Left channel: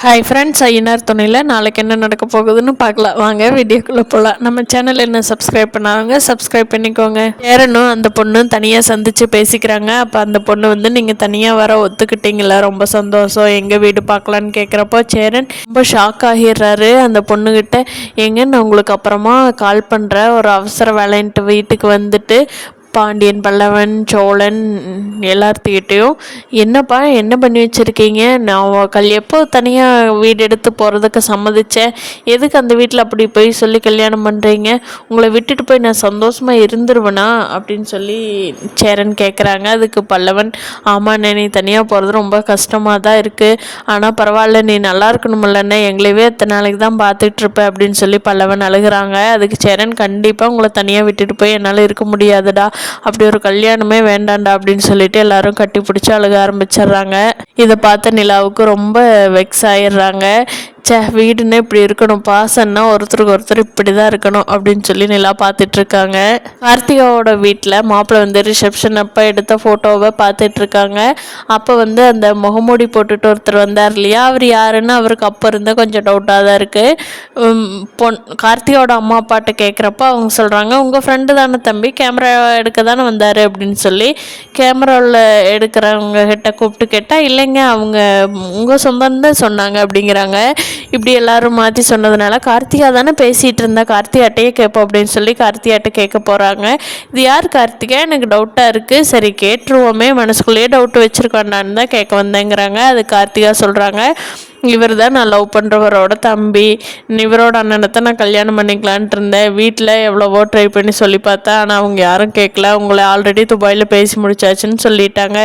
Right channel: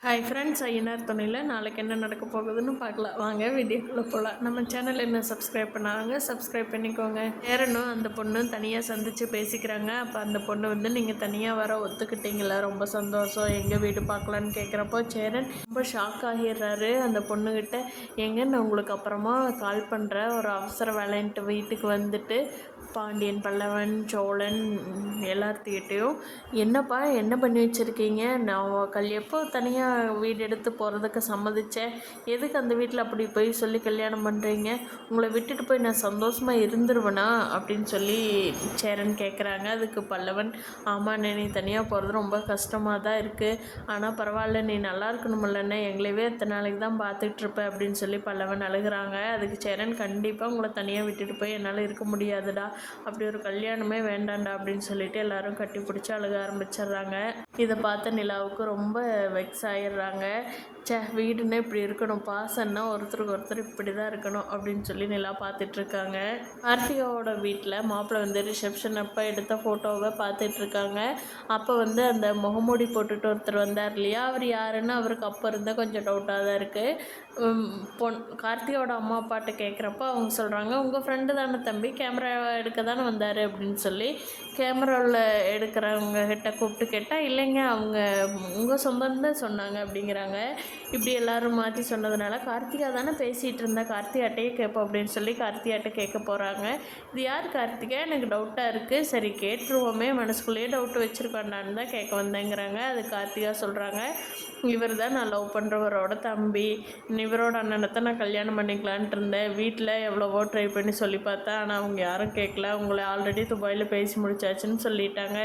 Hi friends, Ayyanar துணையில் நாளைக்கு என்ன நடக்க போகுதுன்னு பார்க்கலாம். வாங்க வீடியோக்குள்ளே போகலாம். நம்ம சேனல் என்ன சப்ஸ்கிரைப் பண்ணாங்க, சப்ஸ்கிரைப் பண்ணிக்கோங்க. சேரனும் அந்த பொண்ணும் தனியாக சந்தித்து பேசிக்கிறாங்க. அப்போ அந்த பொண்ணு வந்து நீங்கள் தனியாக வர ஒத்துக்கிட்டீங்களா, ரொம்ப சந்தோஷம், எங்கள் வீடு பார்க்கலான்னு கேட்குறப்போ சேரன் ரொம்ப ஷாக் ஆகிடுறாரு. அந்த பொண்ணுக்கிட்ட எங்க நான் உங்களுக்கு அப்புறமா கால் பண்ணுறேன், ஒரு அவசர வேலைன்ட்டு வீட்டுக்கு வந்துட்டு பாண்டியன், பல்லவன், சோழன் எல்லாத்துக்கிட்டேயும் என்னப்பா என்ன பண்ணி வச்சுருக்கீங்க, நான் எப்போ தனியாக வீடு எடுத்து போகிறதுக்கு சம்மதிச்சேன், எதுக்கு அந்த வீட்டில் அப்படி போய் சொல்லி கல்யாணம் பண்ணுறீங்க, உங்களை விட்டுட்டு போய் நான் சந்தோஷமாக இருந்துருவேனா அப்படின்னு சொல்லி சேரன் கேட்குறாங்க. அதுக்கு பல்லவன், ஆமாண்ணே, நீ தனியாக போகிறது ரொம்ப கஷ்டமாக தான் இருக்குது, ஆனால் பரவாயில்ல, நீ நல்லா இருக்கணுமில்லண்ணே, எங்களவே எத்தனை நாளைக்கு தான் பார்த்துட்ருப்பேன் அப்படின்னு சொல்லி பல்லவன் அழுகிறாங்க. அதுக்கு சேரன், கண்டிப்பாக உங்களை தனியாக விட்டுட்டு போய் என்னால் இருக்க முடியாதுடா, அப்படி ஒரு கல்யாணமே வேண்டாண்டா அப்படின்னு சொல்லிட்டு எல்லாரும் கட்டி பிடிச்சி அழுக ஆரம்பிச்சிடுறாங்க. இதை பார்த்த நிலாவுக்கு ரொம்ப வெக்ஸ் ஆயிடுறாங்க. வீடுன்னு இப்படி இருக்கணும், பாசன்னா ஒருத்தருக்கு ஒருத்தர் இப்படி தான் இருக்கணும் அப்படின்னு சொல்லி நிலா பார்த்துட்ருக்காங்க. கார்த்திகாவோட வீட்டில் மாப்பிள்ளை வந்து ரிசப்ஷன் அப்போ எடுத்த ஃபோட்டோவை பார்த்துட்ருக்காங்க. அப்போ வந்து அந்த முகமூடி போட்டுட்டு ஒருத்தர் வந்தார் இல்லையா, அவர் யாருன்னு அவருக்கு அப்போ இருந்தால் கொஞ்சம் டவுட்டாக தான் இருக்குது. கார்த்திகாவோட அம்மா அப்பாட்ட கேட்குறப்ப அவங்க சொல்கிறாங்க, உங்கள் ஃப்ரெண்டு தானே தம்பி, கேமரா எடுக்க தானே வந்தார் அப்படின்னு சொல்லி கேமராவில் எடுக்கிறவங்க கிட்ட கூப்பிட்டு கேட்டால், இல்லைங்க அவங்க உங்கள் சொந்தம் தான் சொன்னாங்க அப்படிங்கிறாங்க. இப்படி எல்லாரும் மாற்றி சொன்னதுனால கார்த்திகா தானே பேசிகிட்டு இருந்தா, கார்த்திகாட்டையே கேட்போம் அப்படின்னு சொல்லி கார்த்திகாட்ட கேட்க போகிறாங்க. இது யார் கார்த்திகா, எனக்கு டவுட்டாக இருக்குது, சரி கேட்டுருவோமே, மனசுக்குள்ளேயே டவுட்டு வச்சுருக்காண்டான்னு தான் கேட்க வந்தேங்கிறாங்க. அது கார்த்திகா சொல்கிறாங்க, இவர் தான் நான் லவ் பண்ணுறவரோட தம்பி, இவரோட அண்ணனத்தை நான் கல்யாணம் பண்ணிக்கலான்ட்டு இருந்தேன், வீட்டில் எவ்வளவோ ட்ரை பண்ணி சொல்லி பார்த்தேன், ஆனால் அவங்க யாரும் கேட்கல, உங்களை ஆல்ரெடி துபாயில் பேசி முடிச்சாச்சுன்னு சொல்லிட்டாங்க,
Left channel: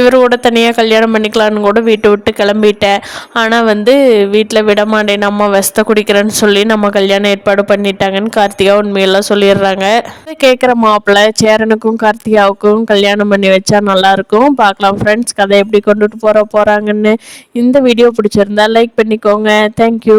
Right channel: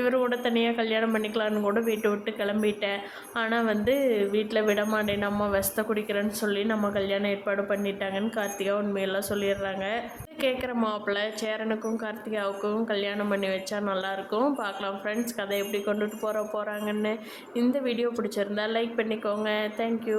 இவர் கூட தனியாக கல்யாணம் பண்ணிக்கலான்னு கூட வீட்டை விட்டு கிளம்பிட்டேன், ஆனால் வந்து வீட்டில் விட மாட்டேன், நம்ம வெஸ்த குடிக்கிறேன்னு சொல்லி நம்ம கல்யாணம் ஏற்பாடு பண்ணிட்டாங்கன்னு கார்த்திகா உண்மையெல்லாம் சொல்லிடுறாங்க. கேட்குற மாப்பிள்ளை சேரனுக்கும் கார்த்திகாவுக்கும் கல்யாணம் பண்ணி வச்சா நல்லாயிருக்கும். பார்க்கலாம் ஃப்ரெண்ட்ஸ், கதை எப்படி கொண்டுட்டு போகிறாங்கன்னு. இந்த வீடியோ பிடிச்சிருந்தா லைக் பண்ணிக்கோங்க. தேங்க்யூ.